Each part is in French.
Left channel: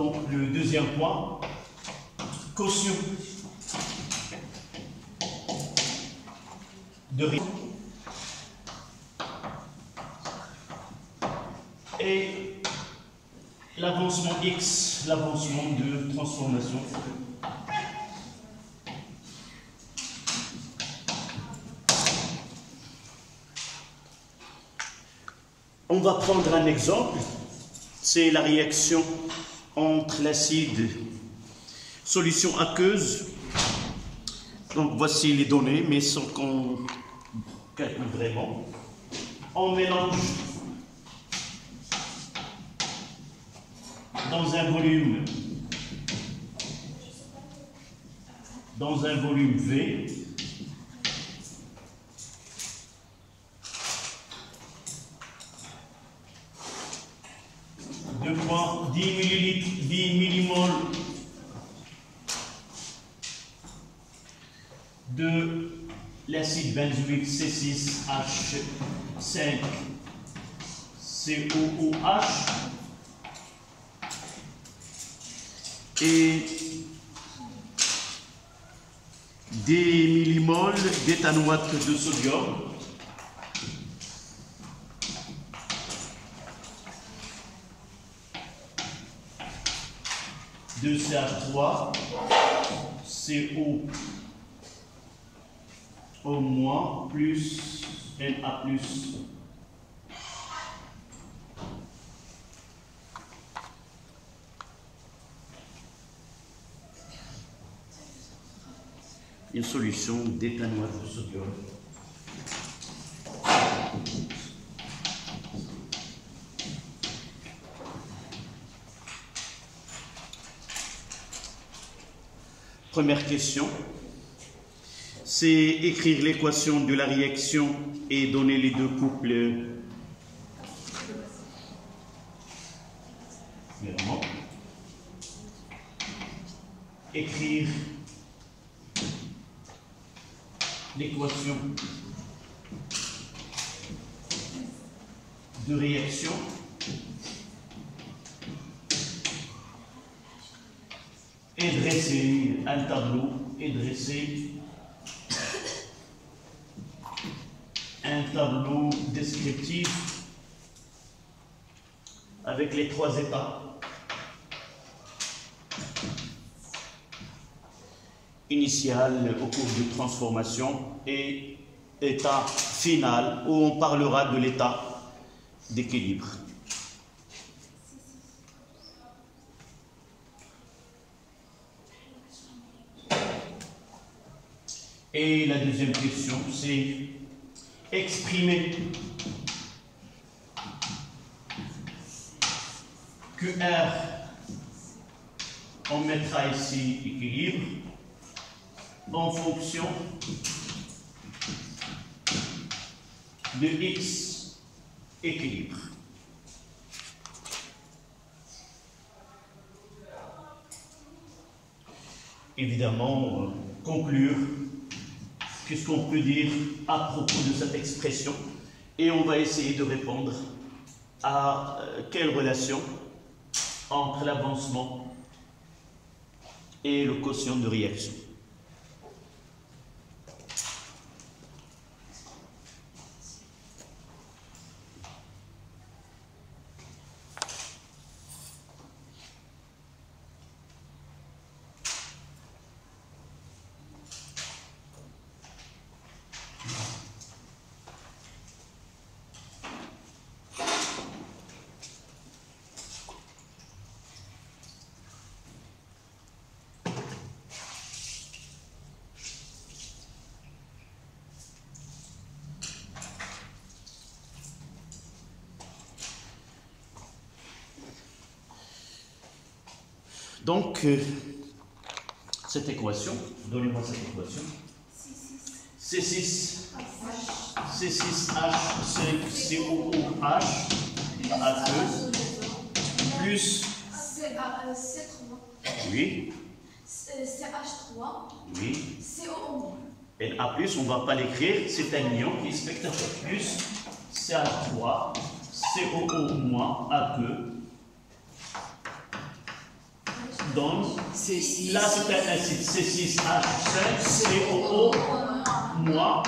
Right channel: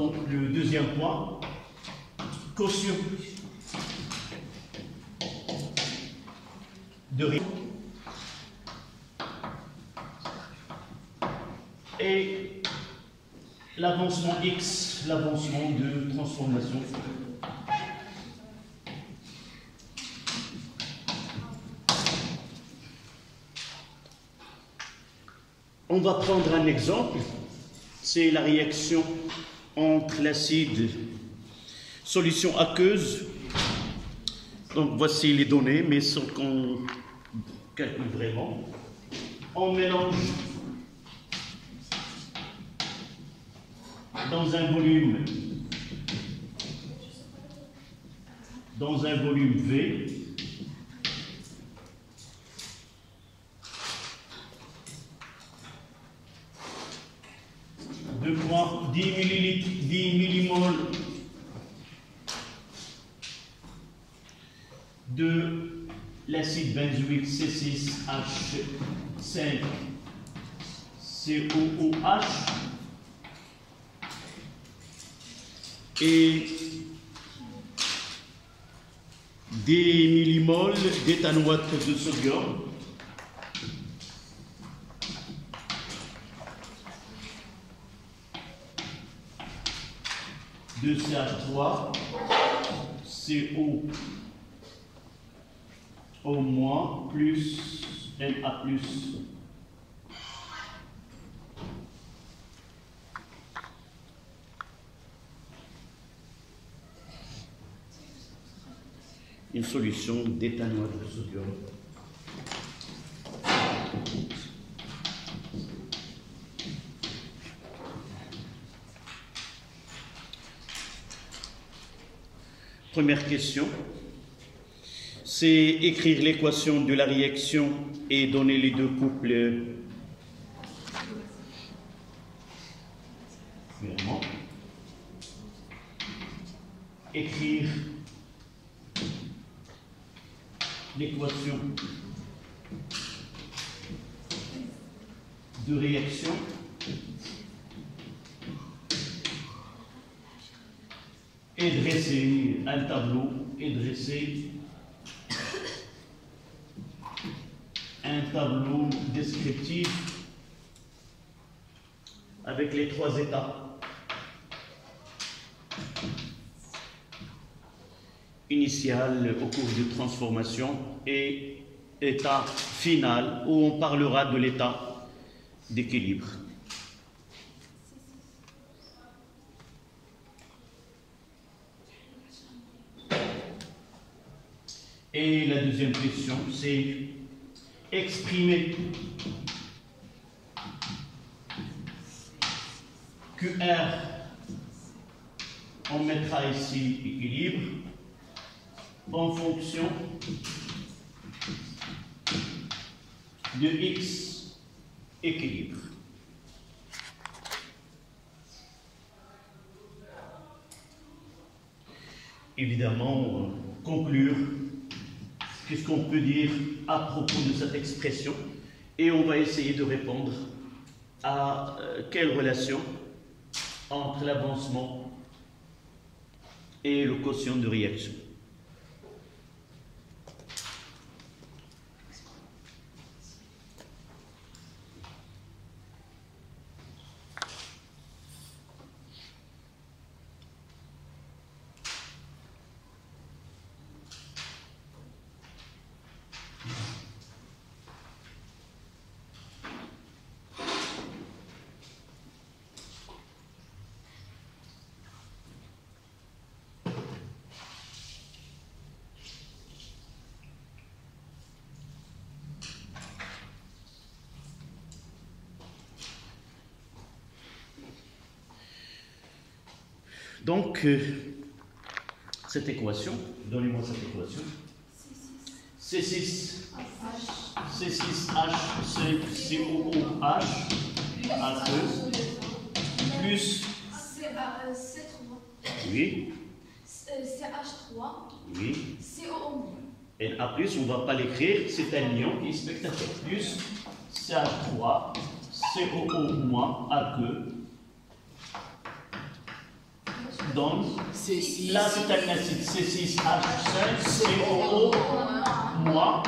Donc le deuxième point, quotient de réaction et l'avancement X, l'avancement de transformation. On va prendre un exemple, c'est la réaction entre l'acide solution aqueuse. Donc voici les données, mais sans qu'on calcule vraiment. On mélange dans un volume V. De 10 millilitres, 10 millimoles de l'acide benzoïque C6H5COOH et des millimoles d'éthanoate de sodium. De CH3, CO plus Na+. Une solution d'éthanoate de sodium. Première question, c'est écrire l'équation de la réaction et donner les deux couples. Vraiment. Écrire l'équation de réaction et dresser un tableau descriptif avec les trois états. Initial au cours de transformation et état final où on parlera de l'état d'équilibre. Et la deuxième question, c'est exprimer QR, on mettra ici équilibre, en fonction de X équilibre. Évidemment, conclure. Qu'est-ce qu'on peut dire à propos de cette expression? Et on va essayer de répondre à quelle relation entre l'avancement et le quotient de réaction. Donc, cette équation, donnez-moi cette équation. C6H5COOH plus oui. CH3 oui. CO. Na+, on ne va pas l'écrire, c'est un ion qui est spectateur plus CH3 COO- AQ donne, là c'est un acide C6H5COO moins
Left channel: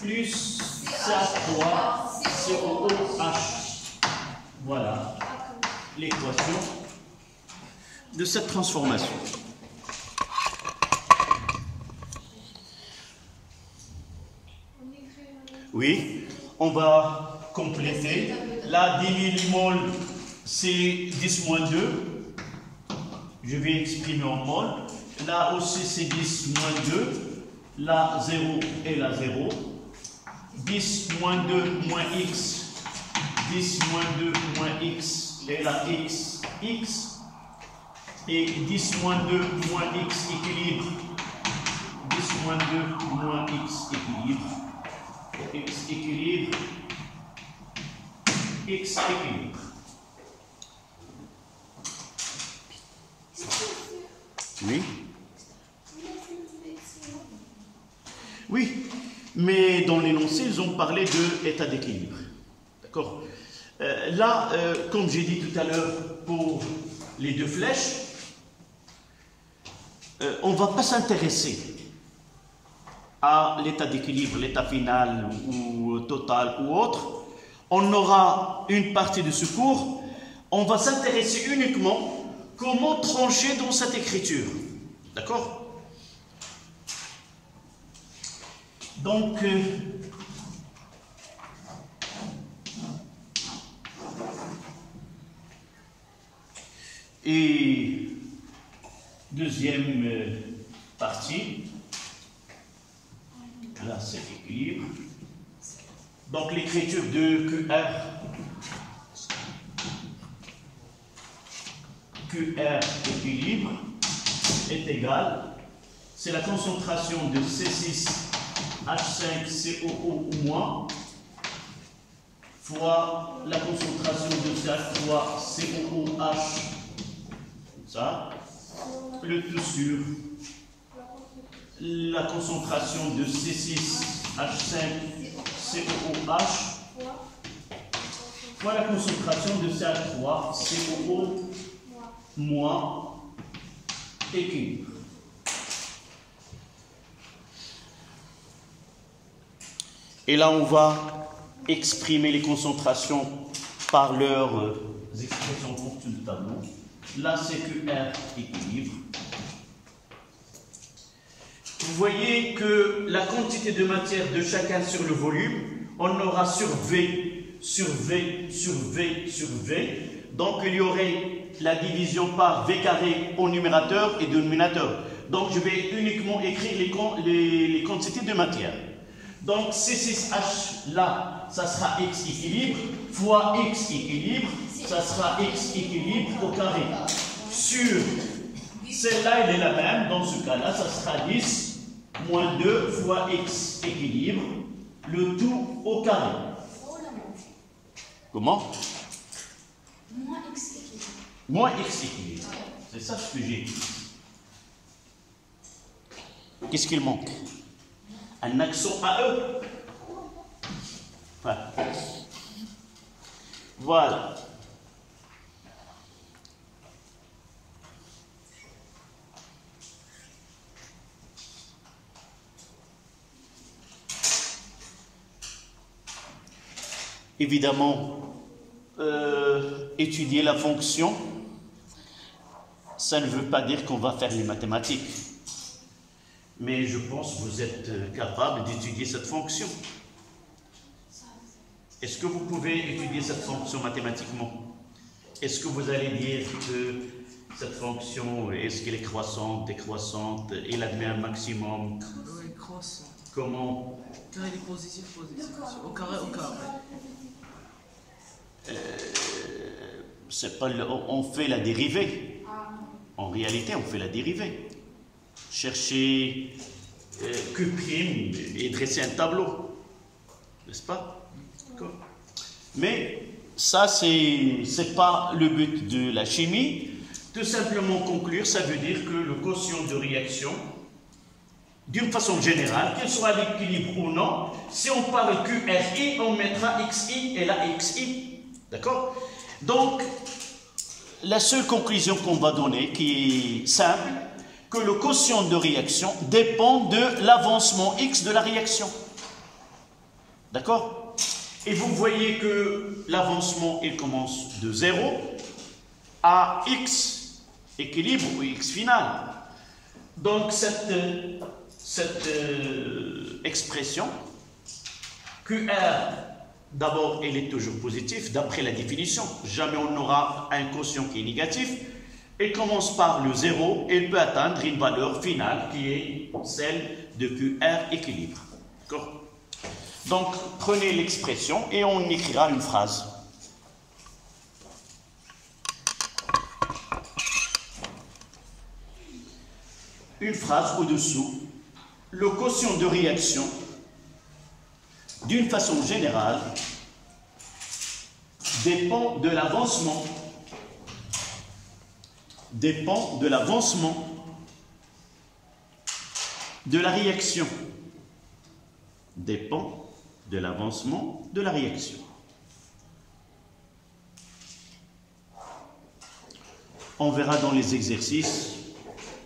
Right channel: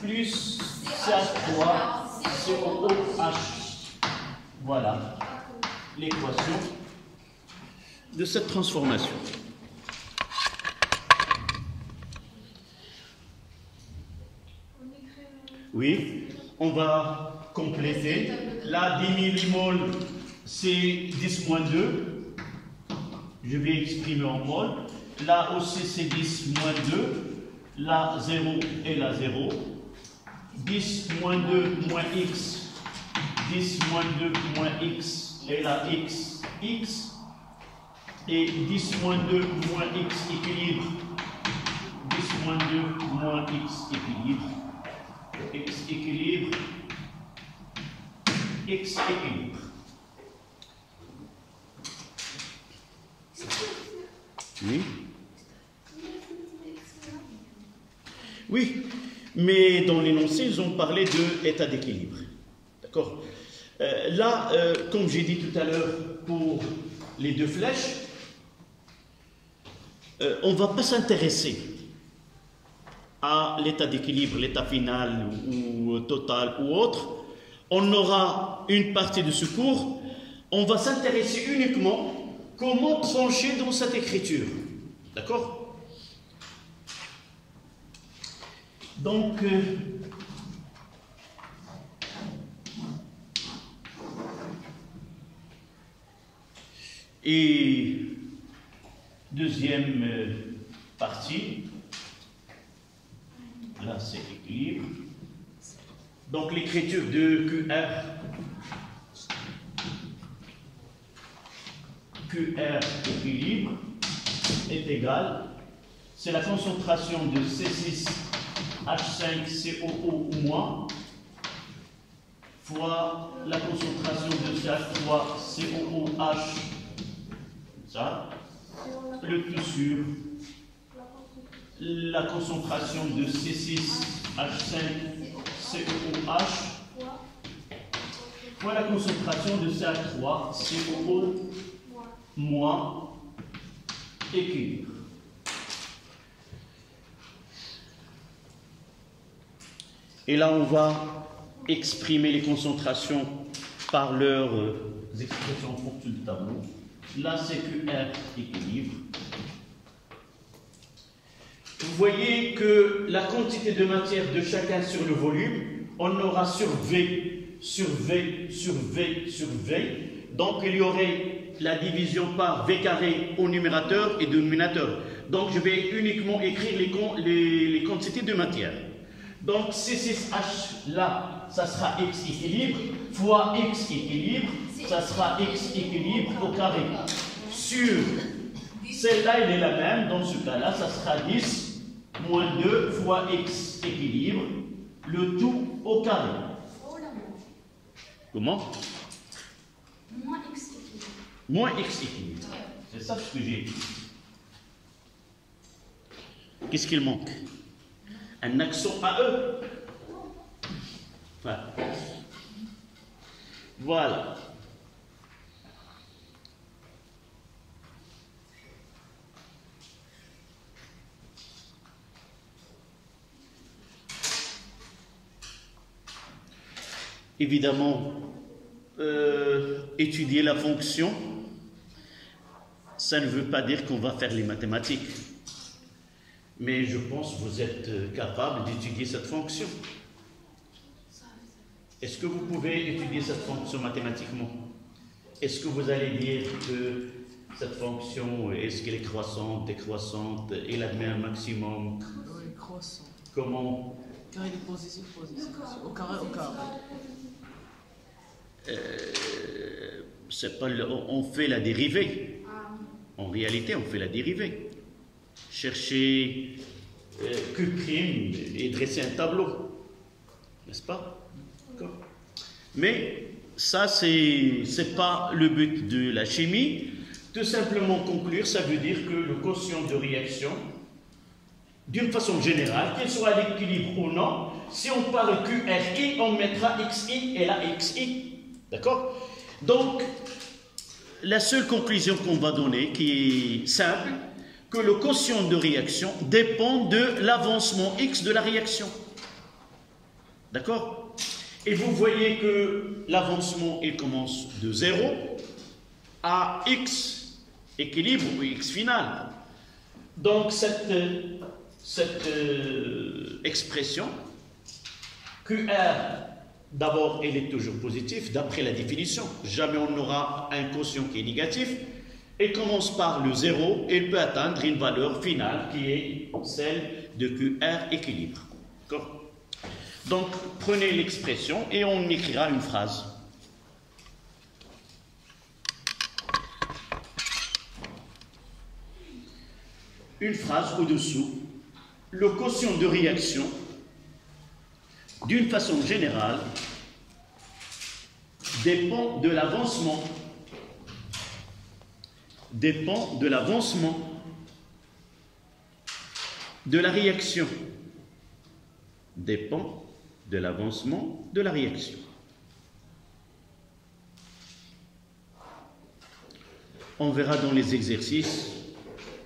plus CH3COOH. Voilà l'équation de cette transformation. Oui, on va compléter. Là, 10 000 mol, c'est 10 moins 2. Je vais exprimer en mol. Là aussi, c'est 10 moins 2. Là, 0 et là, 0. 10 moins 2 moins x. 10 moins 2 moins x et là, x, x. Et 10 moins 2 moins x équilibre. 10 moins 2 moins x équilibre. X équilibre, X équilibre. Oui. Oui, mais dans l'énoncé, ils ont parlé de état d'équilibre. D'accord. Là, comme j'ai dit tout à l'heure pour les deux flèches, on ne va pas s'intéresser à l'état d'équilibre, l'état final ou total ou autre. On aura une partie de ce cours, on va s'intéresser uniquement comment trancher dans cette écriture. D'accord? Donc, et deuxième partie, là c'est équilibre. Donc l'écriture de QR équilibre est égale, c'est la concentration de C6H5COO- fois la concentration de CH3COOH, ça, le tout sur la concentration de C6H5COOH fois la concentration de CH3COO- équilibre. Et là, on va exprimer les concentrations par leurs expressions pour tout le tableau. Là, c'est QR équilibre. Vous voyez que la quantité de matière de chacun sur le volume, on aura sur V, sur V, sur V, sur V. Donc, il y aurait la division par V carré au numérateur et dénominateur. Donc, je vais uniquement écrire les quantités de matière. Donc, C6H, là, ça sera X équilibre, fois X équilibre, ça sera X équilibre au carré. Sur celle-là, elle est la même. Dans ce cas-là, ça sera 10 moins 2 fois X équilibre, le tout au carré. Comment? Moins X équilibre. Moins X équilibre. C'est ça ce que j'ai dit. Qu'est-ce qu'il manque? Un accent AE. Enfin, voilà. Évidemment, étudier la fonction, ça ne veut pas dire qu'on va faire les mathématiques. Mais je pense que vous êtes capable d'étudier cette fonction. Est-ce que vous pouvez étudier cette fonction mathématiquement? Est-ce que vous allez dire que cette fonction, est-ce qu'elle est croissante, décroissante, elle admet un maximum? Oui, croissant. Comment? Carré est positif, positif. Au carré, au carré. C'est pas on fait la dérivée. En réalité, on fait la dérivée. Chercher Q' et dresser un tableau. N'est-ce pas? Mais ça, c'est pas le but de la chimie. Tout simplement conclure, ça veut dire que le quotient de réaction, d'une façon générale, qu'il soit à l'équilibre ou non, si on parle QRI, on mettra XI et la XI. D'accord? Donc, la seule conclusion qu'on va donner, qui est simple, que le quotient de réaction dépend de l'avancement x de la réaction. D'accord? Et vous voyez que l'avancement, il commence de 0 à x équilibre ou x final. Donc cette expression, QR, d'abord, elle est toujours positive, d'après la définition. Jamais on n'aura un quotient qui est négatif. Elle commence par le 0 et elle peut atteindre une valeur finale qui est celle de QR équilibre. D'accord? Donc, prenez l'expression et on écrira une phrase. Une phrase au-dessous. Le quotient de réaction, d'une façon générale, dépend de l'avancement. Dépend de l'avancement de la réaction. Dépend de l'avancement de la réaction. On verra dans les exercices,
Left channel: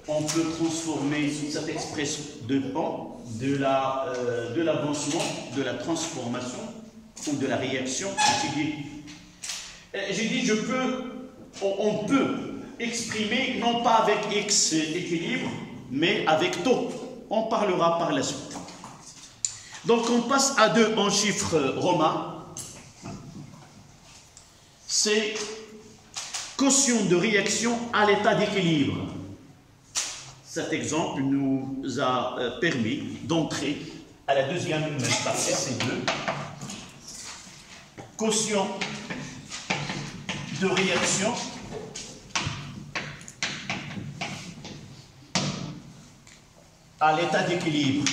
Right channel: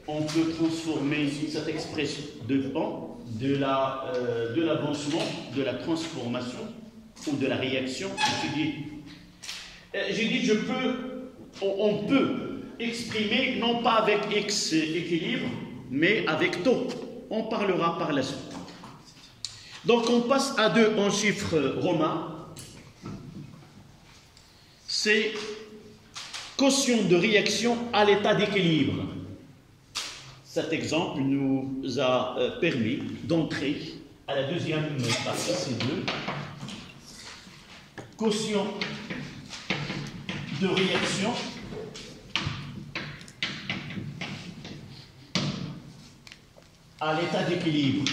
on peut transformer cette expression dépend de l'avancement, de la transformation ou de la réaction étudiée. J'ai dit on peut exprimer non pas avec x équilibre, mais avec taux. On parlera par la suite. Donc on passe à 2 en chiffres romains. C'est quotient de réaction à l'état d'équilibre. Cet exemple nous a permis d'entrer à la deuxième partie, c'est 2. Quotient de réaction à l'état d'équilibre.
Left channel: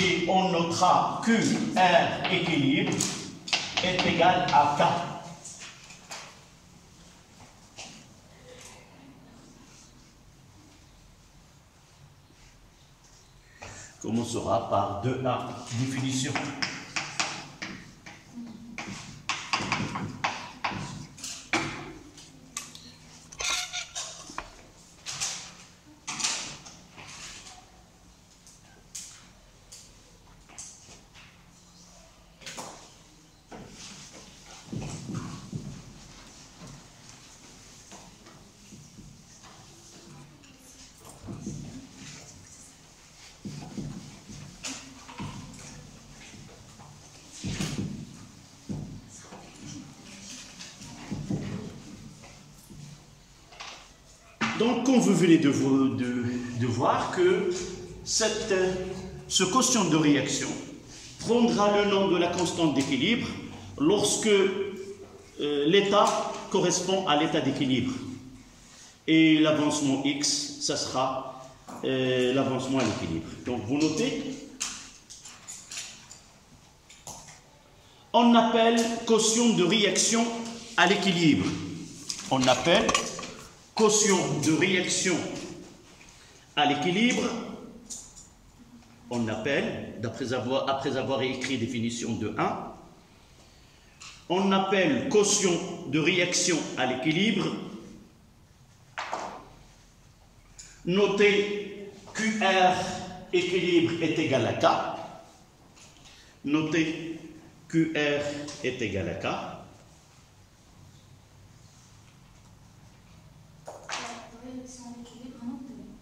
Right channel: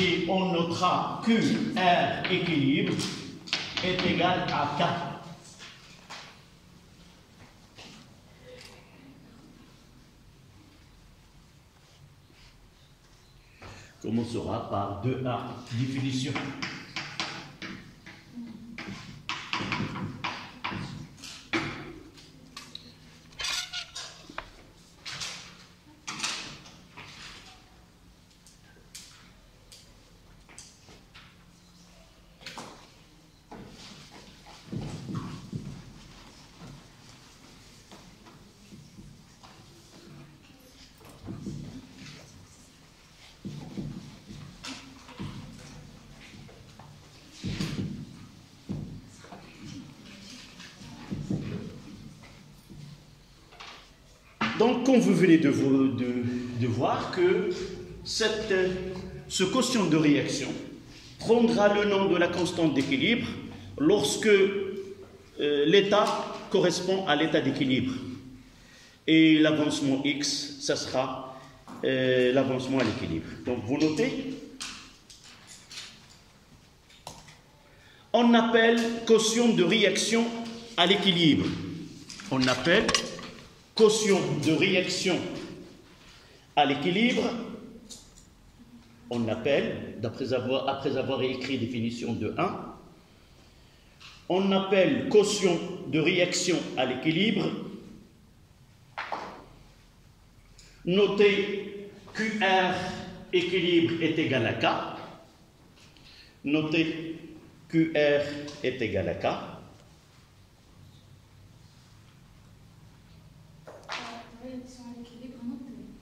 Et on notera que R équilibre est égal à K. Commencera par 2A, définition. Donc, comme vous venez de voir que ce quotient de réaction prendra le nom de la constante d'équilibre lorsque l'état correspond à l'état d'équilibre. Et l'avancement x, ça sera l'avancement à l'équilibre. Donc, vous notez. On appelle quotient de réaction à l'équilibre. On appelle quotient de réaction à l'équilibre, on appelle, après avoir écrit définition de 1, on appelle quotient de réaction à l'équilibre, notez QR équilibre est égal à K, notez QR est égal à K.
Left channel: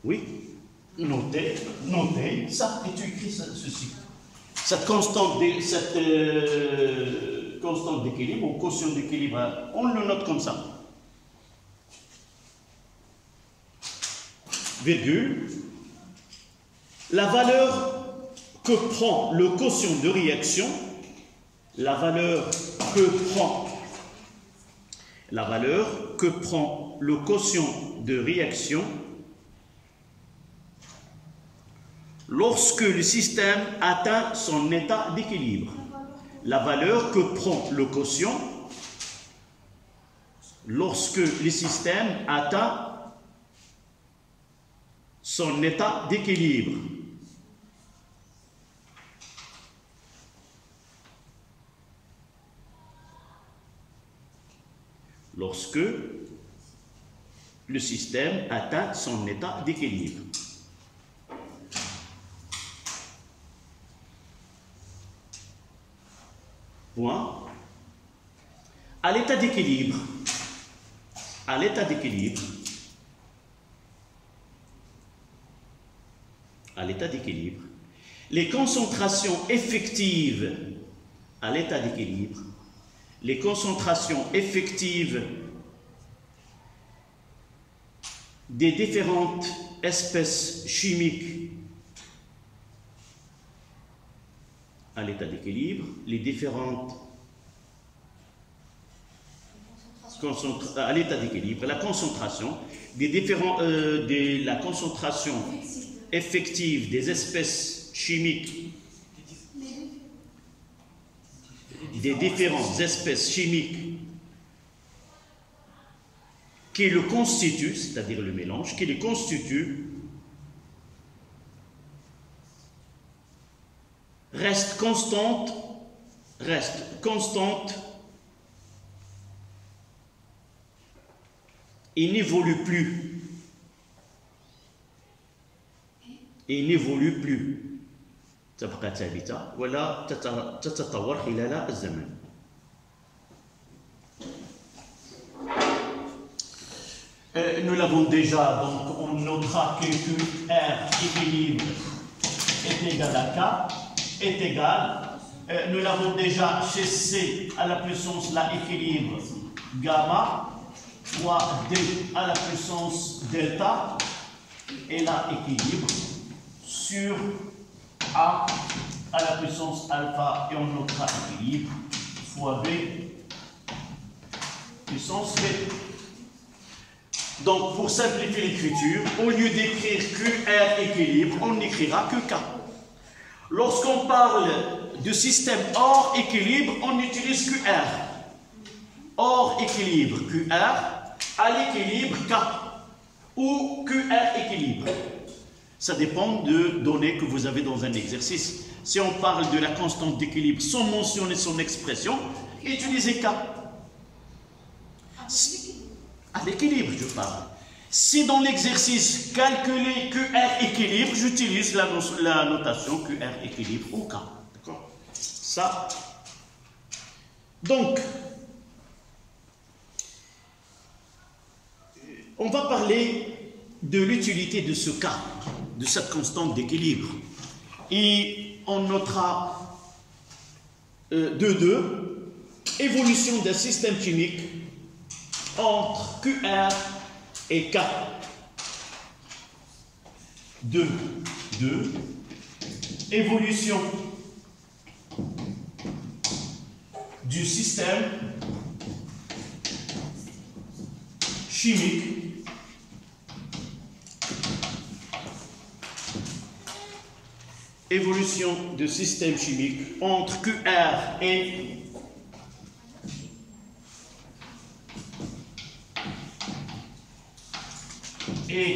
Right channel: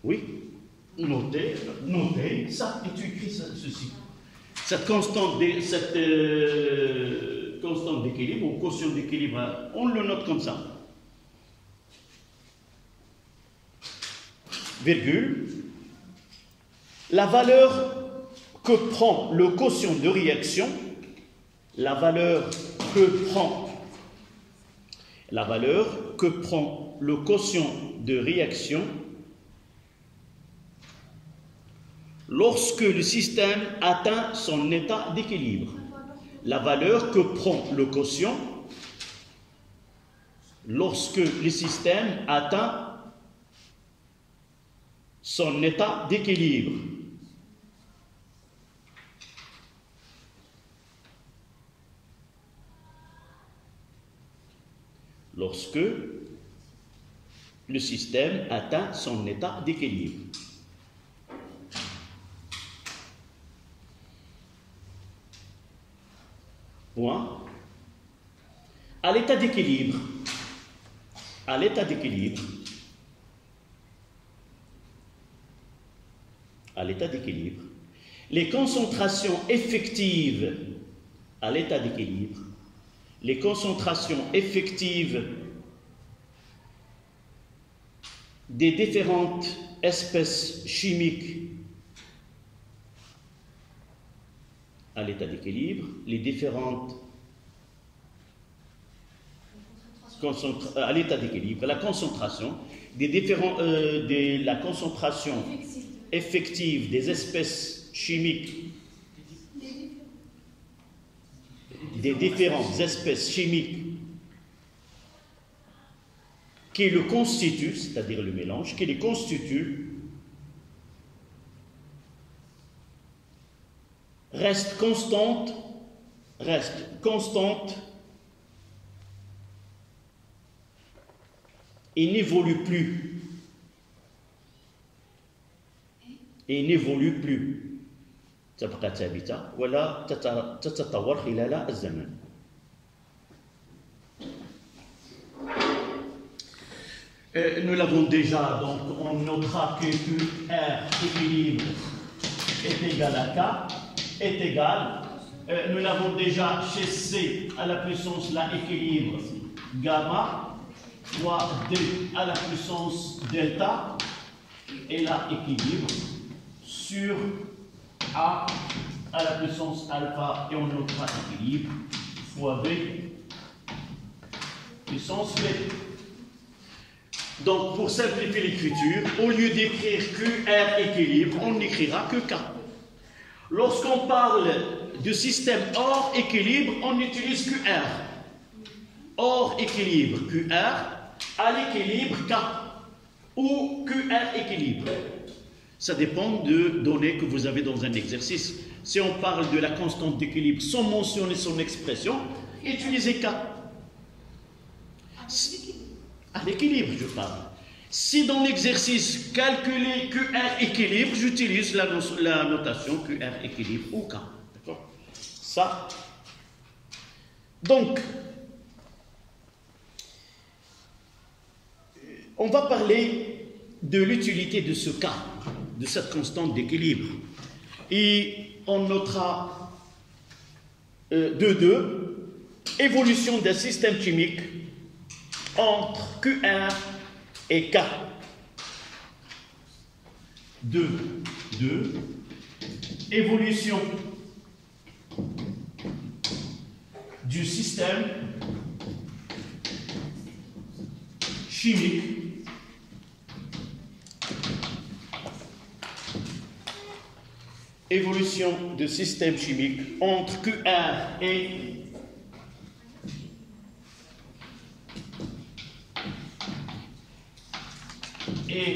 Oui, notez, ça, et tu écris ceci. Cette constante d'équilibre, ou quotient d'équilibre, on le note comme ça. Virgule. La valeur que prend le quotient de réaction, la valeur que prend le quotient de réaction lorsque le système atteint son état d'équilibre. La valeur que prend le quotient lorsque le système atteint son état d'équilibre. lorsque le système atteint son état d'équilibre. Point. À l'état d'équilibre, les concentrations effectives à l'état d'équilibre, les concentrations effectives des différentes espèces chimiques à l'état d'équilibre, les différentes à l'état d'équilibre, la concentration des différents la concentration effective des espèces chimiques des différentes espèces chimiques qui le constituent, c'est-à-dire le mélange, qui les constitue, reste constante et n'évolue plus. تبقى ثابتة ولا تتطور خلال الزمن. Nous l'avons déjà, donc on notera que QR équilibre est égal à K, est égal. Nous l'avons déjà chez C à la puissance la équilibre gamma, fois D à la puissance delta, et la équilibre sur A à la puissance alpha, et on notera équilibre fois B puissance B. Donc, pour simplifier l'écriture, au lieu d'écrire QR équilibre, on n'écrira que K. Lorsqu'on parle de système hors équilibre, on utilise QR. Hors équilibre, QR, à l'équilibre K, ou QR équilibre. Ça dépend de données que vous avez dans un exercice. Si on parle de la constante d'équilibre sans mentionner son expression, utilisez K. À l'équilibre, je parle. Si dans l'exercice calculer QR équilibre, j'utilise la notation QR équilibre ou K. D'accord? Ça. Donc, on va parler de l'utilité de ce cas, de cette constante d'équilibre. Et on notera évolution d'un système chimique entre QR et K. 2. Évolution du système chimique entre QR et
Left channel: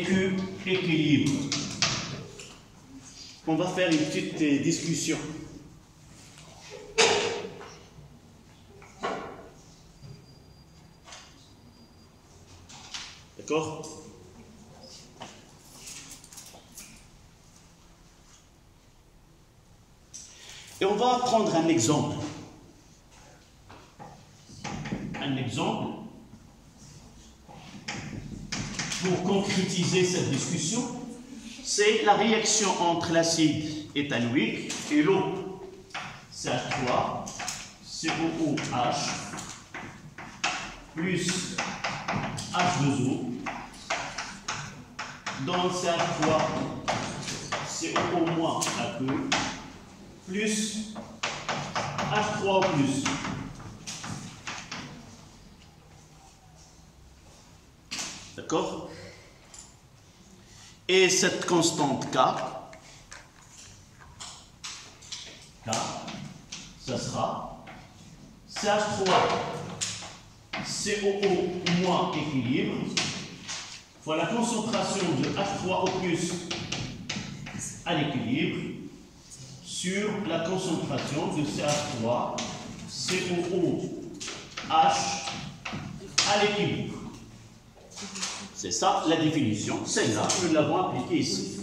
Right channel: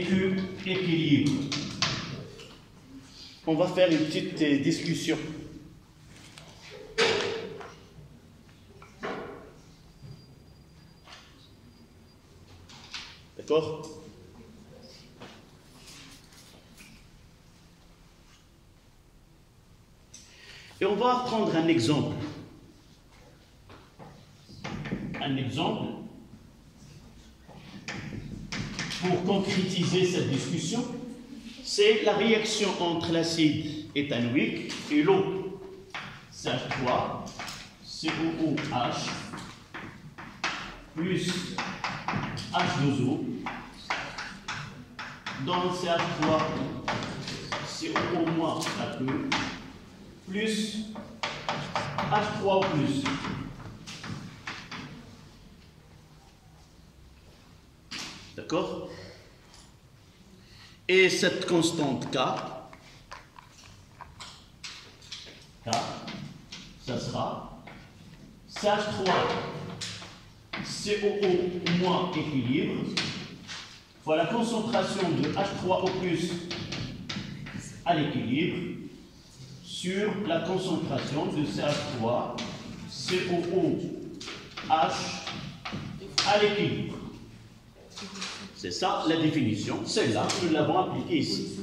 Q équilibre. On va faire une petite discussion. D'accord? Et on va prendre un exemple. Pour concrétiser cette discussion, c'est la réaction entre l'acide éthanoïque et l'eau. CH3, COOH, plus H2O, dans CH3, CO- APE, plus H3O+. D'accord? Et cette constante K, ça sera CH3 COO- équilibre fois la concentration de H3O+ à l'équilibre sur la concentration de CH3 COOH à à l'équilibre. C'est ça la définition. Celle-là, nous l'avons appliquée ici.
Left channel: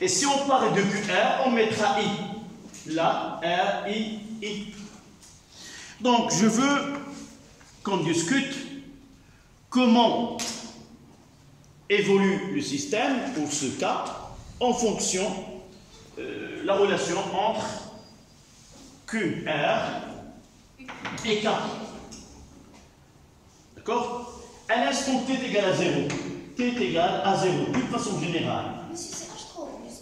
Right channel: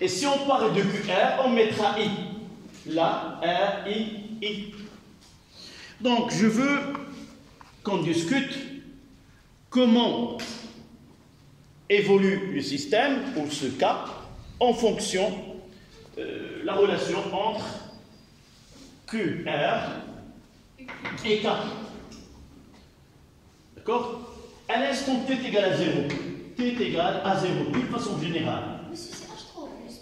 Et si on parle de QR, on mettra I. Là, R, I. Donc, je veux qu'on discute comment évolue le système, pour ce cas, en fonction de la relation entre QR et K. D'accord? À l'instant t égale à 0, t est égal à 0, d'une façon générale. Mais si c'est H3 au plus.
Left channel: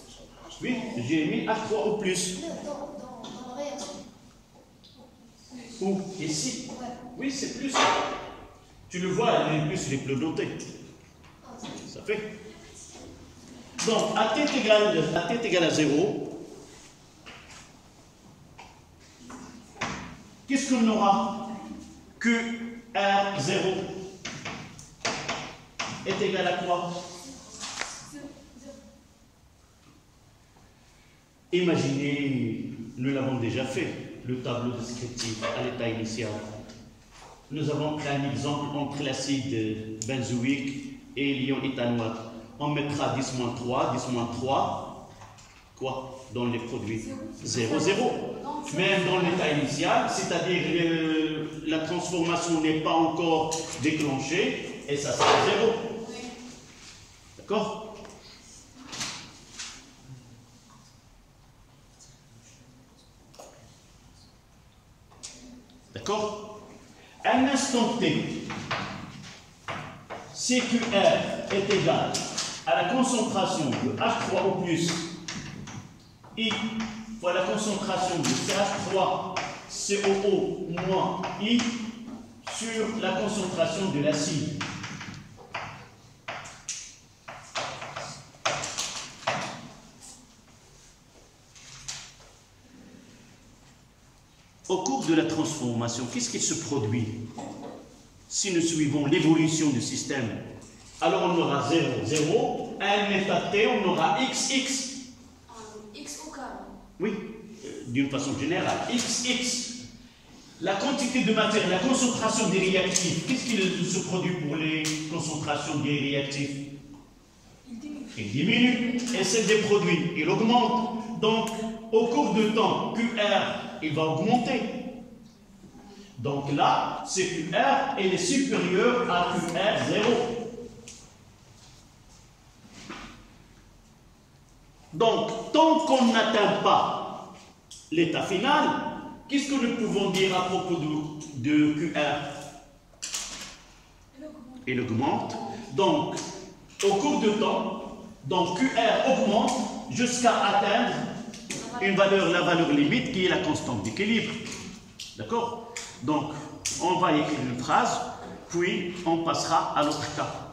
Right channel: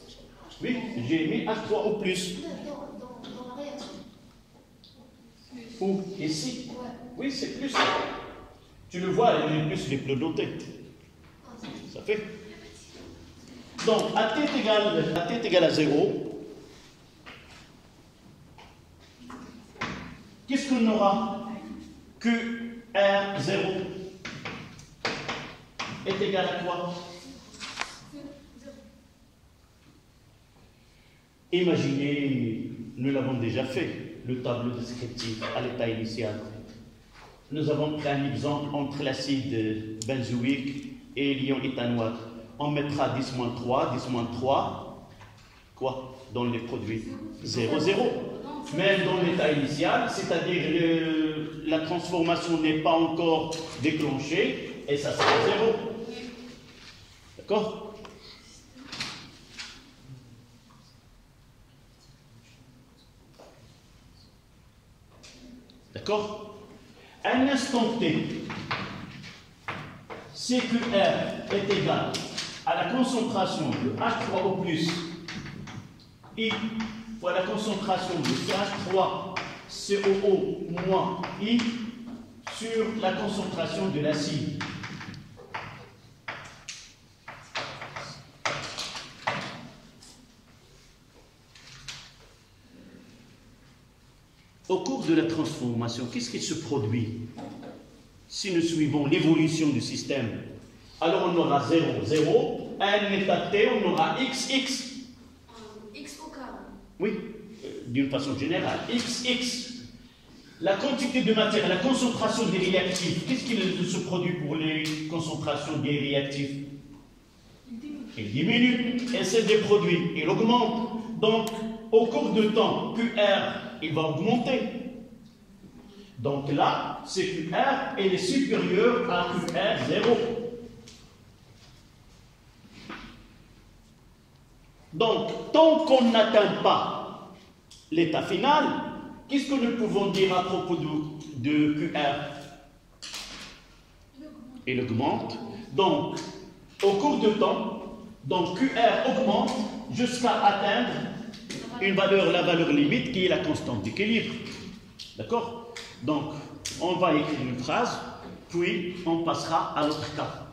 Oui, j'ai mis H3 au plus. Dans la réaction. Ou ici. Ouais. Oui, c'est plus. Tu le vois, les plus les notés. Ça fait. Donc, à t égale à 0, qu'est-ce qu'on aura? Que R0 est égal à quoi? Imaginez, nous l'avons déjà fait, le tableau descriptif à l'état initial. Nous avons pris un exemple entre l'acide benzoïque et l'ion éthanoate. On mettra 10-3, 10-3, quoi? Dans les produits 0, 0. Même dans l'état initial, c'est-à-dire la transformation n'est pas encore déclenchée, et ça sera 0. D'accord? D'accord? À un instant T, CQR est égal à la concentration de H3 au plus I fois la concentration de CH3COO moins I sur la concentration de l'acide. Au cours de la transformation, qu'est-ce qui se produit? Si nous suivons l'évolution du système, alors on aura 0, 0, à un état T, on aura X, X. X au K. Oui, d'une façon générale, X, X. La quantité de matière, la concentration des réactifs, qu'est-ce qui se produit pour les concentrations des réactifs? Il diminue. Et celle des produits, il augmente. Donc, au cours du temps, QR, il va augmenter. Donc là, CQR est supérieur à QR0. Donc, tant qu'on n'atteint pas l'état final, qu'est-ce que nous pouvons dire à propos de QR? Il augmente. Donc, au cours du temps, donc QR augmente jusqu'à atteindre la valeur limite qui est la constante d'équilibre. D'accord? Donc, on va écrire une phrase, puis on passera à l'autre cas.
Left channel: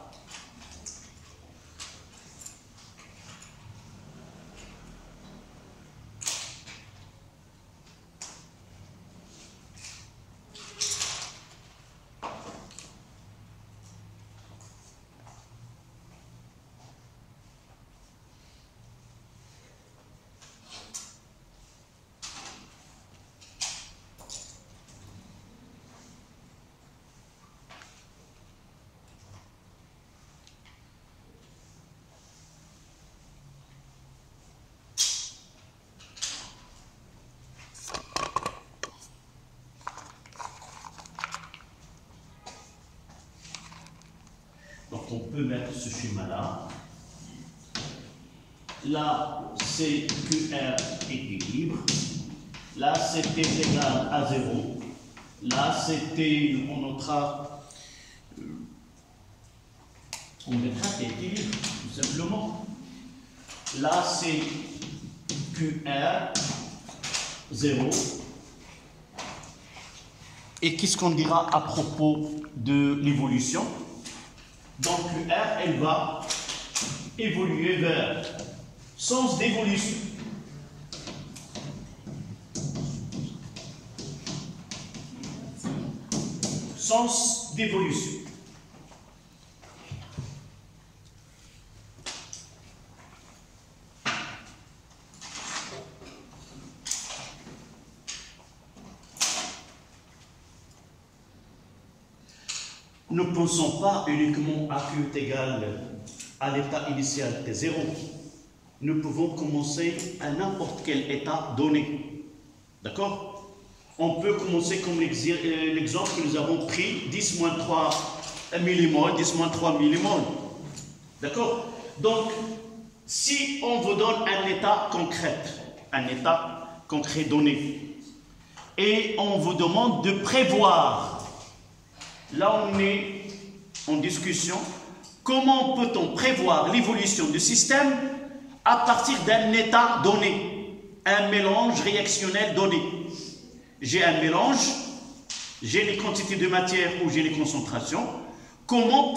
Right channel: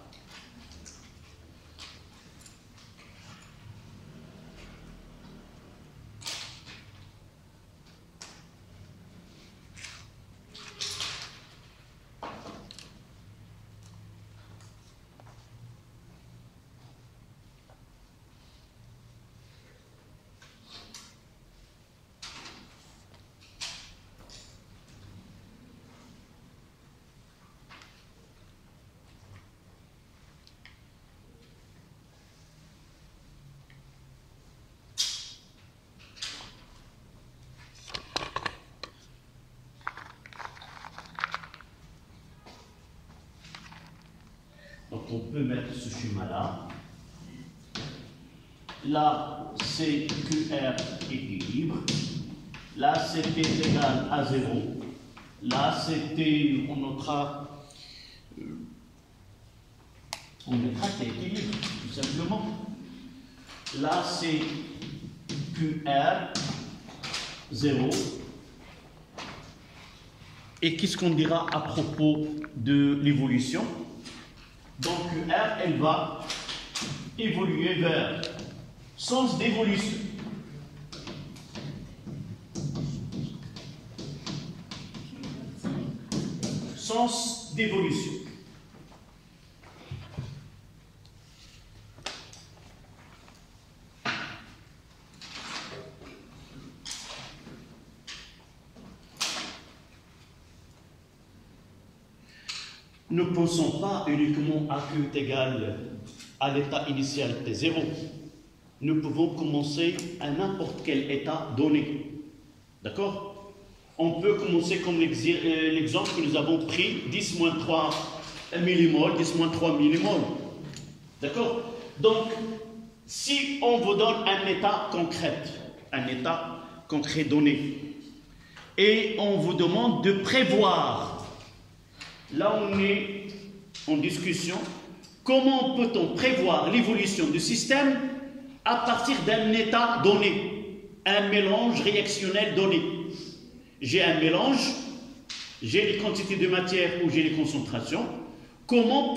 Donc on peut mettre ce schéma-là. Là, c'est QR équilibre. Là, c'était égal à 0. Là, c'était, on mettra équilibre, tout simplement. Là, c'est QR 0. Et qu'est-ce qu'on dira à propos de l'évolution? Donc QR, elle va évoluer vers sens d'évolution. Sens d'évolution. ne pensons pas uniquement à Q est égal à l'état initial T0. Nous pouvons commencer à n'importe quel état donné. D'accord? On peut commencer comme l'exemple que nous avons pris, 10-3 millimoles, 10-3 millimoles. D'accord? Donc, si on vous donne un état concret donné, et on vous demande de prévoir, là on est en discussion, comment peut-on prévoir l'évolution du système à partir d'un état donné, un mélange réactionnel donné. J'ai un mélange, j'ai les quantités de matière ou j'ai les concentrations. Comment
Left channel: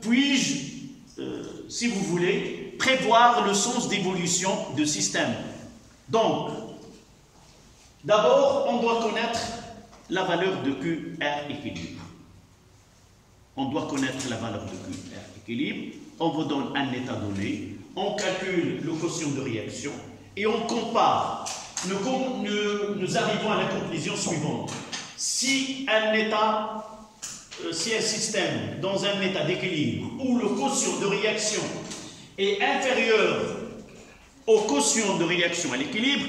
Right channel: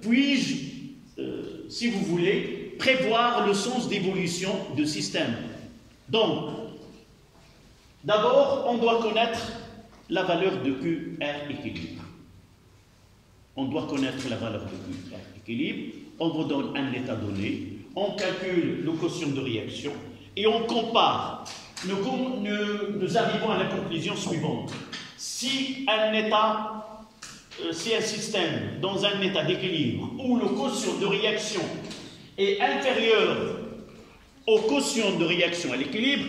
puis-je, si vous voulez, prévoir le sens d'évolution du système? Donc, d'abord, on doit connaître la valeur de QR équilibre. On doit connaître la valeur de QR équilibre. On vous donne un état donné. On calcule le quotient de réaction et on compare. Nous arrivons à la conclusion suivante. Si un système dans un état d'équilibre où le quotient de réaction est inférieur au quotient de réaction à l'équilibre,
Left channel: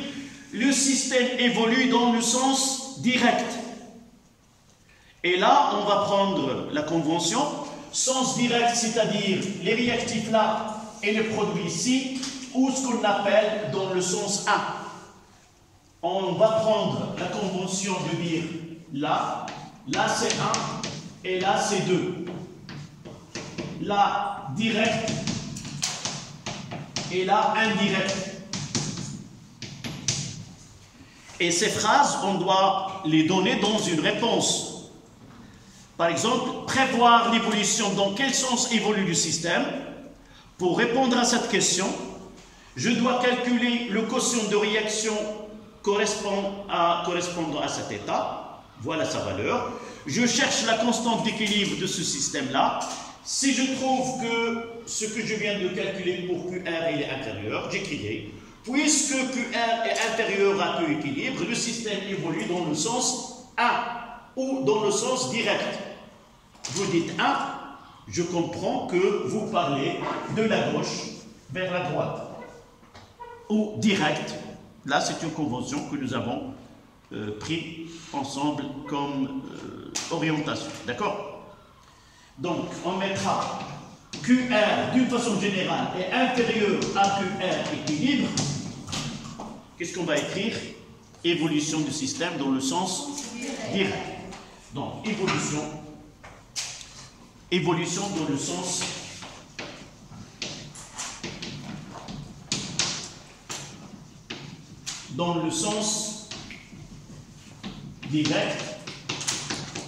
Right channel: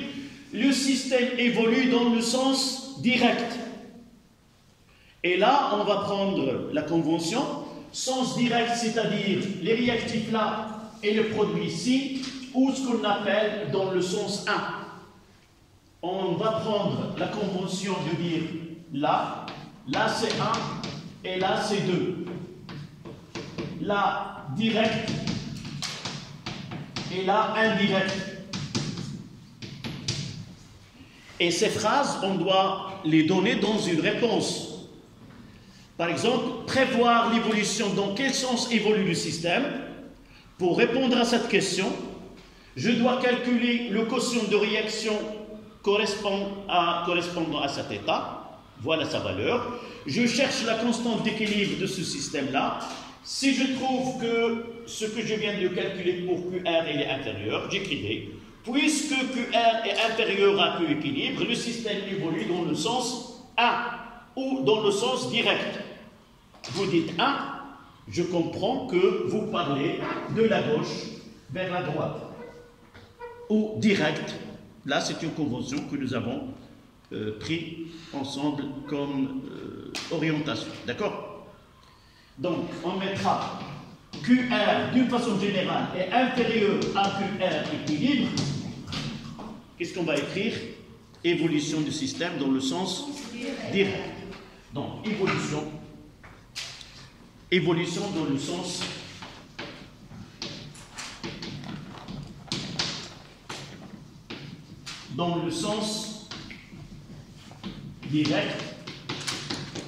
le système évolue dans le sens direct. Et là, on va prendre la convention, sens direct, c'est-à-dire les réactifs là et les produits ici, ou ce qu'on appelle dans le sens 1. On va prendre la convention de dire là c'est 1 et là c'est 2. Là direct et là indirect. Et ces phrases, on doit les donner dans une réponse. Par exemple, prévoir l'évolution, dans quel sens évolue le système. Pour répondre à cette question, je dois calculer le quotient de réaction correspondant à cet état. Voilà sa valeur. Je cherche la constante d'équilibre de ce système-là. Si je trouve que ce que je viens de calculer pour QR il est inférieur, j'écrirai. Puisque QR est inférieur à Q équilibre, le système évolue dans le sens 1 ou dans le sens direct. Vous dites 1, je comprends que vous parlez de la gauche vers la droite. Ou direct, là c'est une convention que nous avons pris ensemble comme orientation. D'accord? Donc on mettra QR d'une façon générale est inférieur à QR équilibre. Qu'est-ce qu'on va écrire? Évolution du système dans le sens direct. Donc évolution dans le sens direct,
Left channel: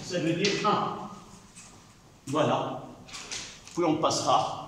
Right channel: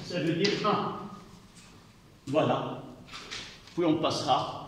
ça veut dire 1. Voilà. Puis on passera.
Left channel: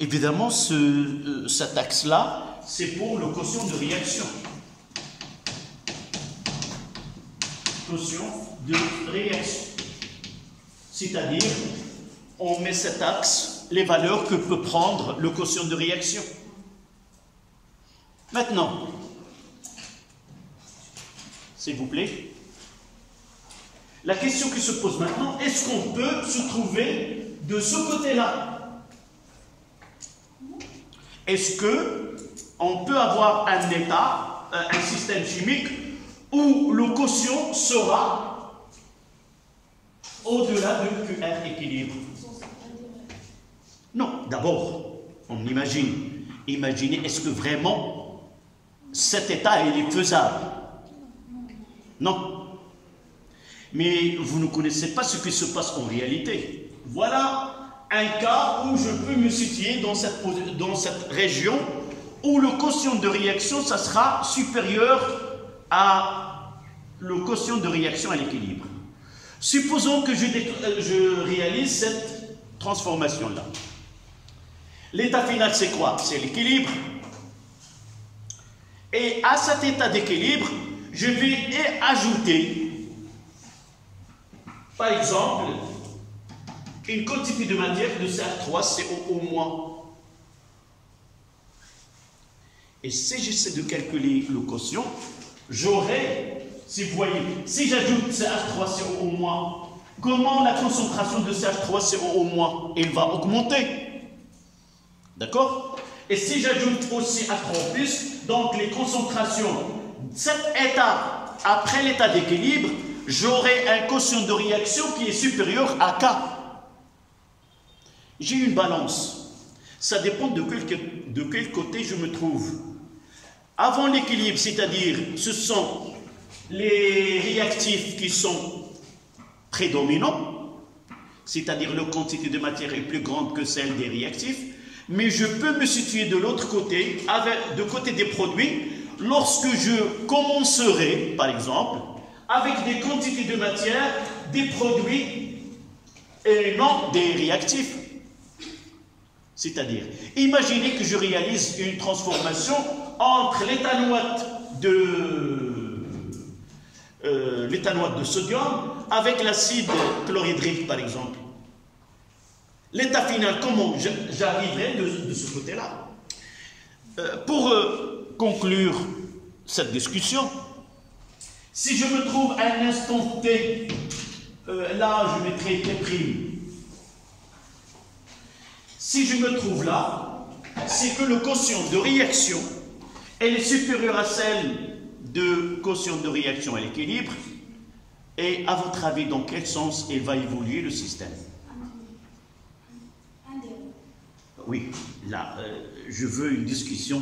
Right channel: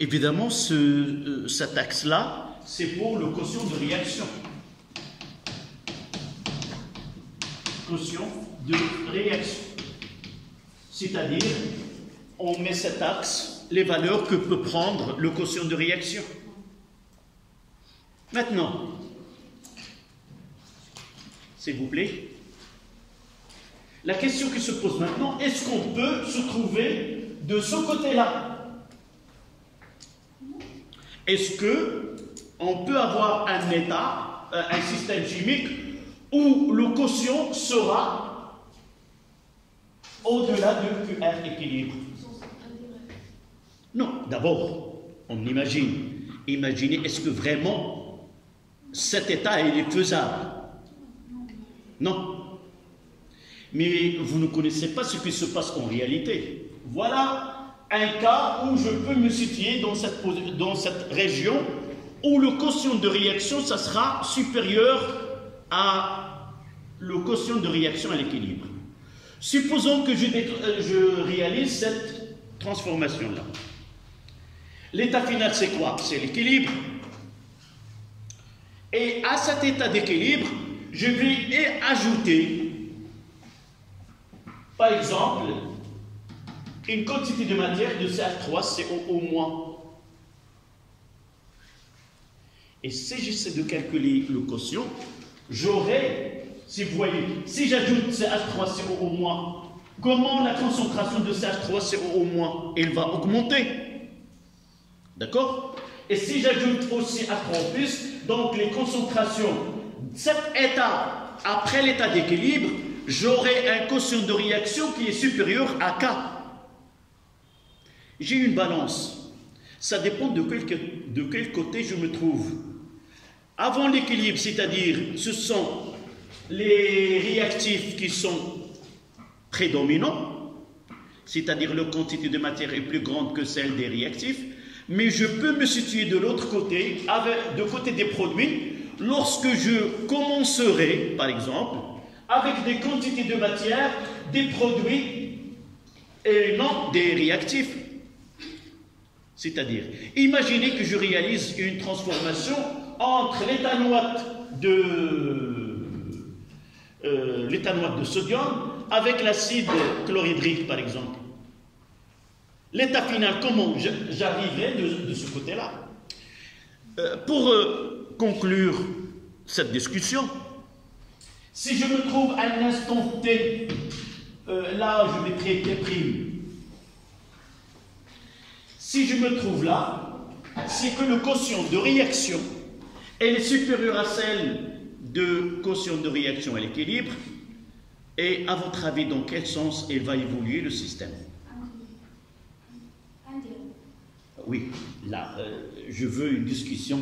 Évidemment, cet axe-là, c'est pour le quotient de réaction. Quotient de réaction. C'est-à-dire, on met cet axe, les valeurs que peut prendre le quotient de réaction. Maintenant, s'il vous plaît, la question qui se pose maintenant, est-ce qu'on peut se trouver de ce côté-là? Est-ce qu'on peut avoir un état, un système chimique où le quotient sera au-delà de QR équilibre? Non, d'abord, on imagine. Imaginez, est-ce que vraiment cet état il est faisable? Non. Mais vous ne connaissez pas ce qui se passe en réalité. Voilà un cas où je peux me situer dans cette région où le quotient de réaction, ça sera supérieur à le quotient de réaction à l'équilibre. Supposons que je réalise cette transformation-là. L'état final, c'est quoi? C'est l'équilibre. Et à cet état d'équilibre, je vais ajouter, par exemple, une quantité de matière de CH3CO au moins. Et si j'essaie de calculer le quotient, j'aurai, si vous voyez, si j'ajoute CH3CO au moins, comment la concentration de CH3CO au moins, elle va augmenter. D'accord? Et si j'ajoute aussi H3+, donc les concentrations, cet état, après l'état d'équilibre, j'aurai un quotient de réaction qui est supérieur à K. J'ai une balance. Ça dépend de quel côté je me trouve. Avant l'équilibre, c'est-à-dire ce sont les réactifs qui sont prédominants, c'est-à-dire la quantité de matière est plus grande que celle des réactifs, mais je peux me situer de l'autre côté, de côté des produits, lorsque je commencerai, par exemple, avec des quantités de matière, des produits et non des réactifs. C'est-à-dire, imaginez que je réalise une transformation entre l'éthanoate de sodium avec l'acide chlorhydrique, par exemple. L'état final, comment j'arriverai de ce côté-là? Pour conclure cette discussion, si je me trouve à un instant T, là je mettrai T'. Si je me trouve là, c'est que le quotient de réaction elle est supérieure à celle de quotient de réaction à l'équilibre. Et à votre avis, dans quel sens elle va évoluer le système? Oui, là, je veux une discussion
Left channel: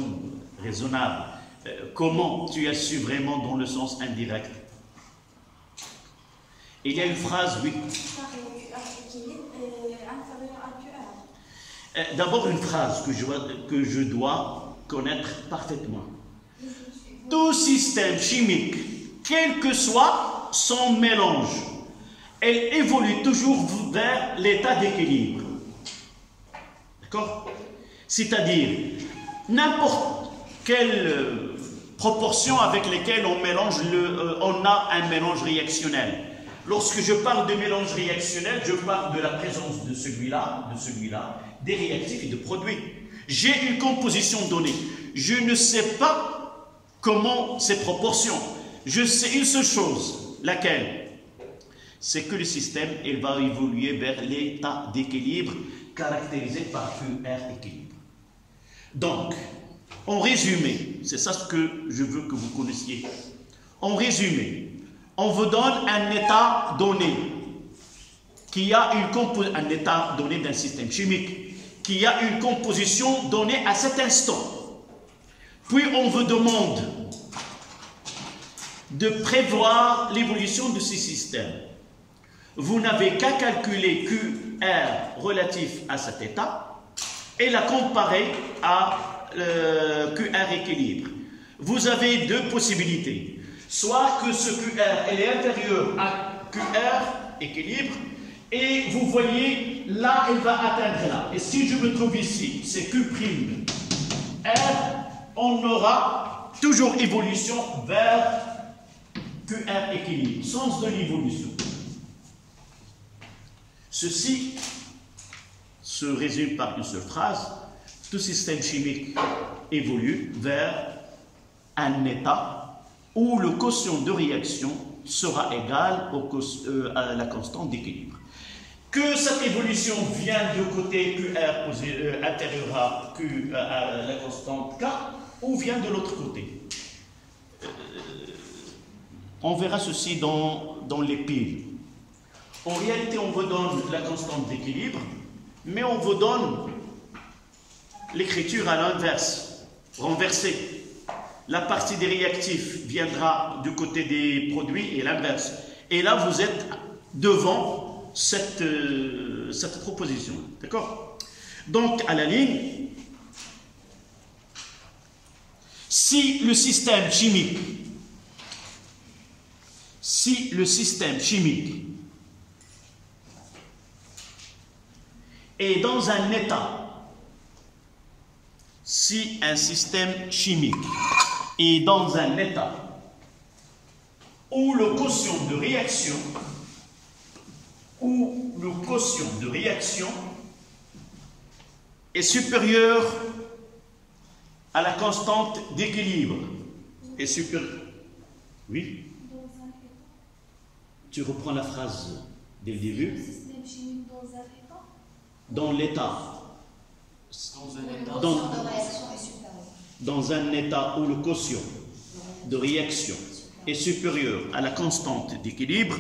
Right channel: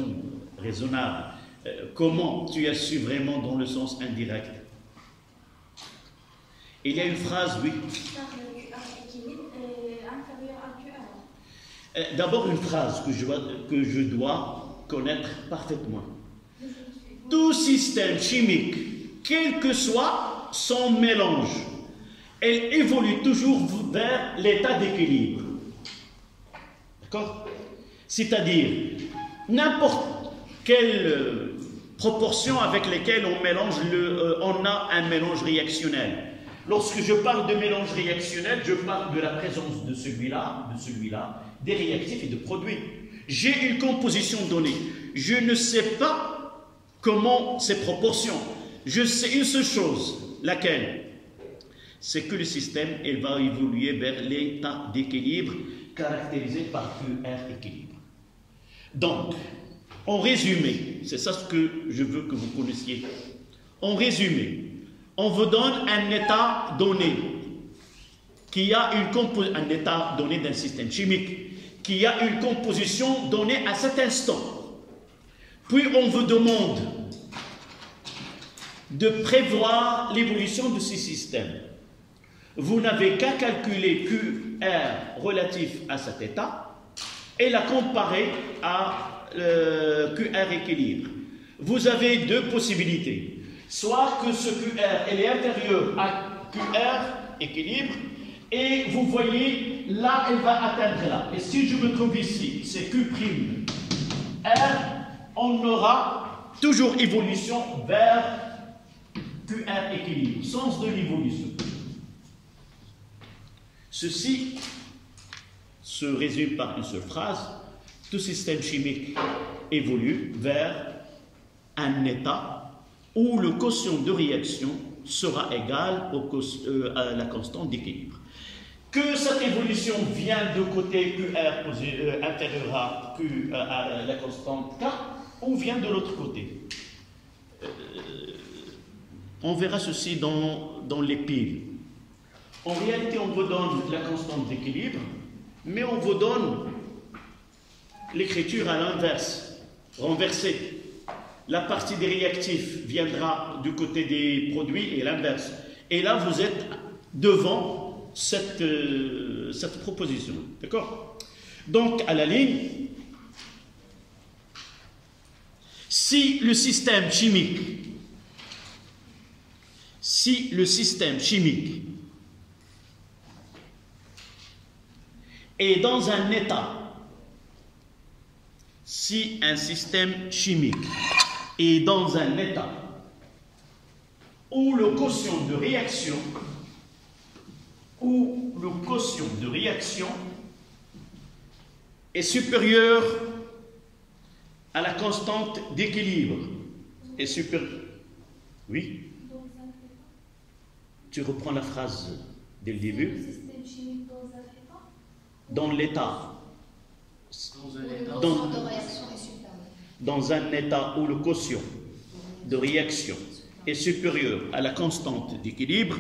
raisonnable. Comment tu as su vraiment dans le sens indirect? Il y a une phrase, oui. D'abord, une phrase que je dois connaître parfaitement. Tout système chimique, quel que soit son mélange, elle évolue toujours vers l'état d'équilibre. D'accord? C'est-à-dire, n'importe quelle proportion avec laquelle on mélange, on a un mélange réactionnel. Lorsque je parle de mélange réactionnel, je parle de la présence de celui-là, des réactifs et de produits. J'ai une composition donnée. Je ne sais pas comment ces proportions. Je sais une seule chose, laquelle? C'est que le système, il va évoluer vers l'état d'équilibre caractérisé par QR équilibre. Donc, en résumé, c'est ça ce que je veux que vous connaissiez. En résumé, on vous donne un état donné qui a un état donné d'un système chimique qui a une composition donnée à cet instant. Puis on vous demande de prévoir l'évolution de ces systèmes. Vous n'avez qu'à calculer QR relatif à cet état et la comparer à QR équilibre. Vous avez deux possibilités. Soit que ce QR est inférieur à QR équilibre, et vous voyez, là, elle va atteindre là. Et si je me trouve ici, c'est Q', R, on aura toujours évolution vers QR équilibre, sens de l'évolution. Ceci se résume par une seule phrase. Tout système chimique évolue vers un état où le quotient de réaction sera égal à la constante d'équilibre. Que cette évolution vient de côté QR intérieur à la constante K ou vient de l'autre côté. On verra ceci dans les piles. En réalité, on vous donne la constante d'équilibre, mais on vous donne l'écriture à l'inverse, renversée. La partie des réactifs viendra du côté des produits et l'inverse. Et là, vous êtes devant cette proposition. D'accord? Donc, à la ligne, si le système chimique est dans un état, si un système chimique est dans un état où le quotient de réaction est supérieur à la constante d'équilibre, est supérieur. Oui? Tu reprends la phrase dès le début. Le système chimique dans un état. Dans l'état. De réaction est supérieur. Dans un état où le quotient de réaction est supérieur à la constante d'équilibre,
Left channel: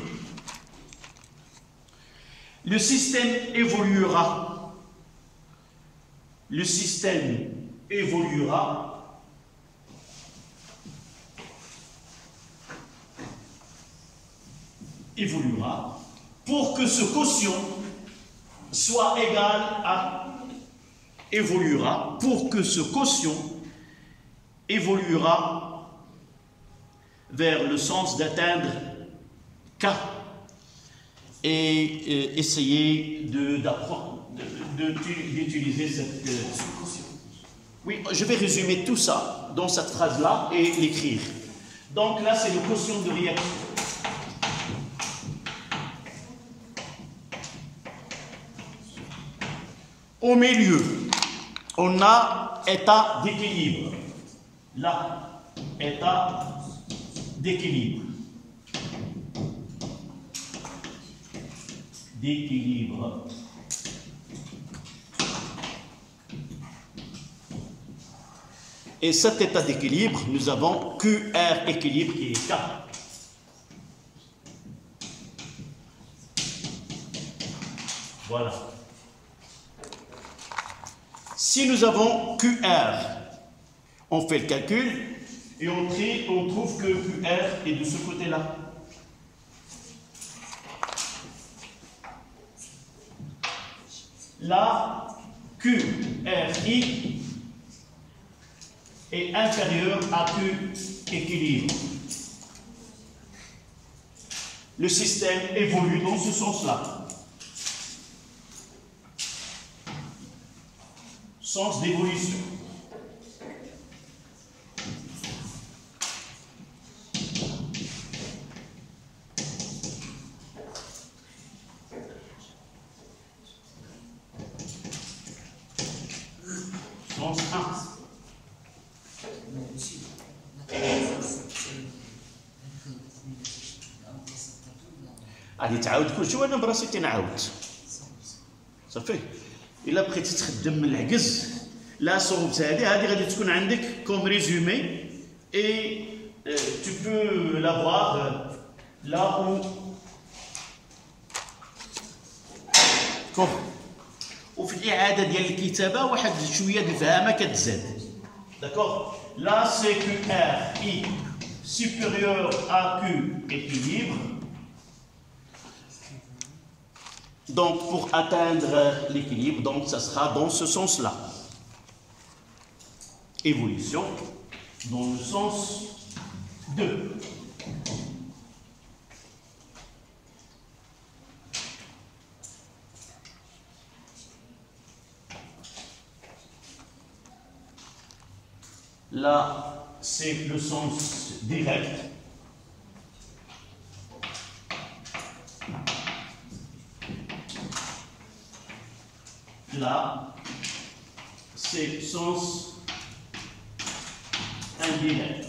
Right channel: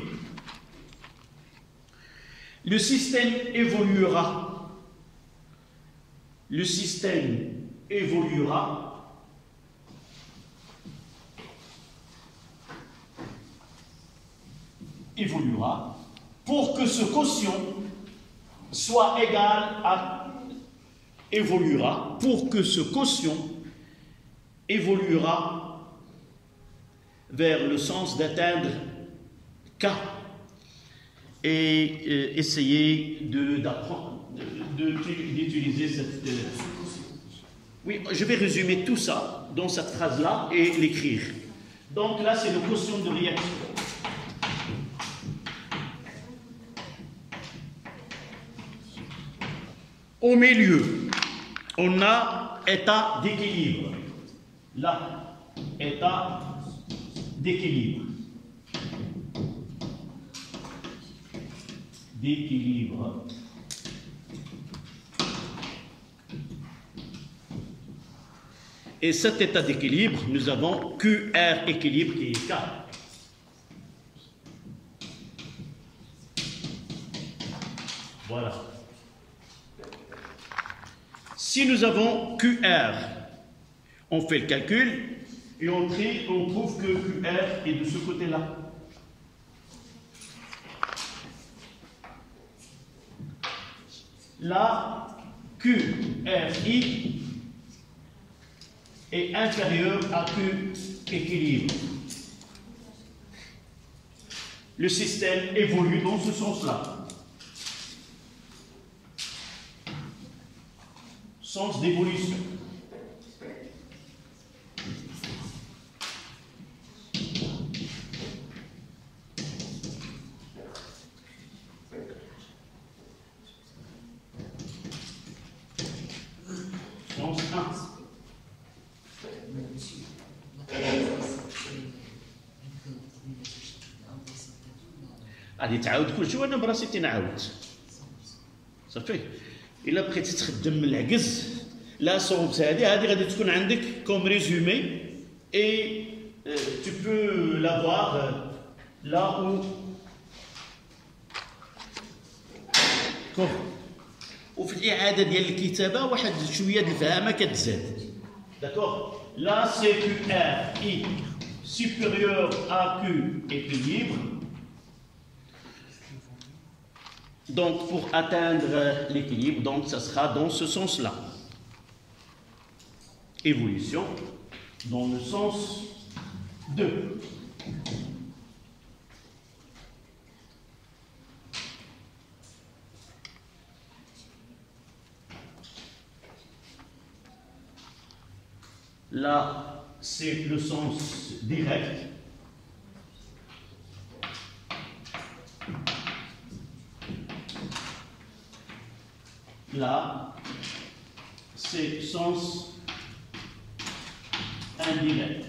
le système évoluera. Le système évoluera pour que ce quotient soit égal à évoluera vers le sens d'atteindre K et essayer d'utiliser cette... Oui, je vais résumer tout ça dans cette phrase-là et l'écrire. Donc là, c'est le quotient de réaction. Au milieu, on a état d'équilibre. Là, état d'équilibre. Et cet état d'équilibre, nous avons QR équilibre qui est K. Voilà. Si nous avons QR, on fait le calcul et on trouve que QR est de ce côté-là. Là, QRI est inférieur à Q équilibre. Le système évolue dans ce sens-là. Sens d'évolution. Sens 1. غادي تعاود كل شويه انا براسي تنعاود صافي الا بقيتي تخدم العكز لا صوبت هذه غادي تكون عندك كوم ريزومي اي tu peux l'avoir là où وفي الاعاده ديال الكتابه واحد شويه د الفهامه كتزاد داكوغ là c'est QR I supérieur à Q équilibre. Donc, pour atteindre l'équilibre, donc ça sera dans ce sens-là. Évolution dans le sens 2. Là, c'est le sens direct. Là, c'est sens indirect.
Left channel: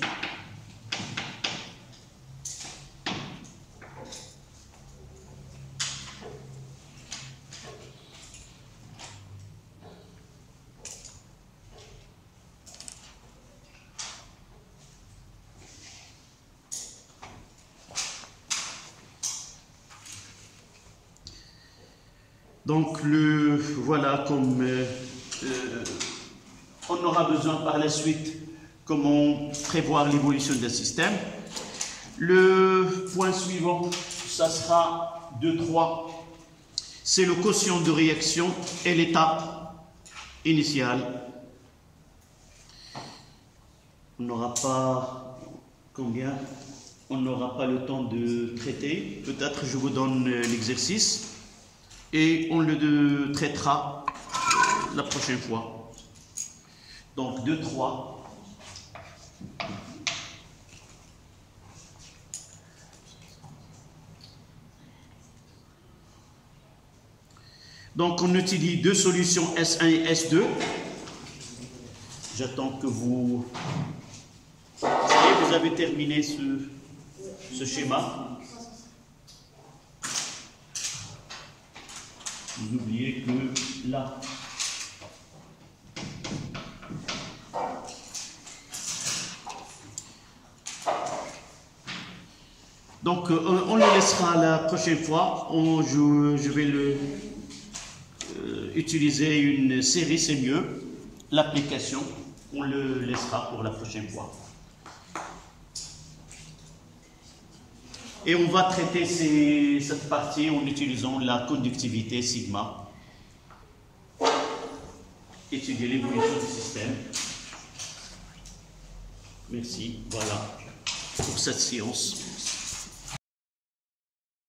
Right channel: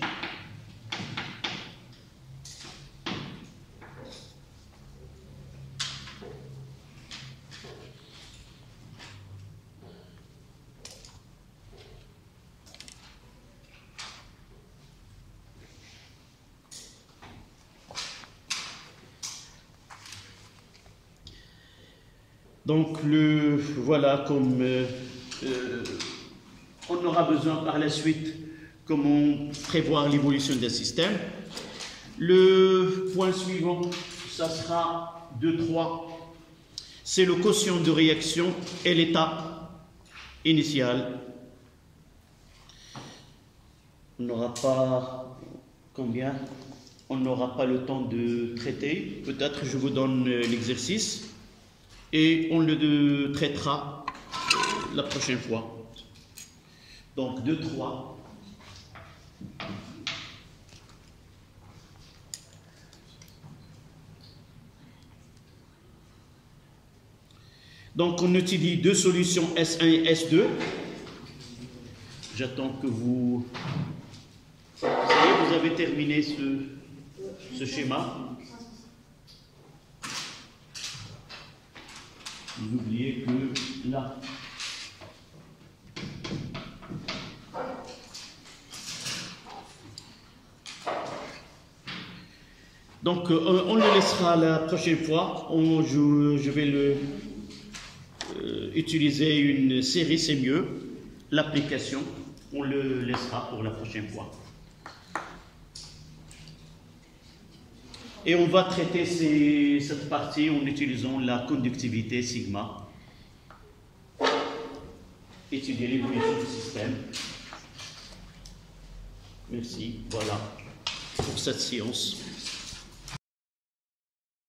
Donc, voilà comme on aura besoin par la suite comment prévoir l'évolution d'un système. Le point suivant, ça sera 2-3. C'est le quotient de réaction et l'état initial. On n'aura pas combien? On n'aura pas le temps de traiter. Peut-être je vous donne l'exercice. Et on le traitera la prochaine fois. Donc 2, 3. Donc on utilise deux solutions S1 et S2. J'attends que vous... Ça y est, vous avez terminé ce schéma. Vous oubliez que là... Donc on le laissera la prochaine fois. Je vais utiliser une série, c'est mieux. L'application, on le laissera pour la prochaine fois. Et on va traiter cette partie en utilisant la conductivité sigma. Étudier l'évolution du système. Merci, voilà, pour cette séance.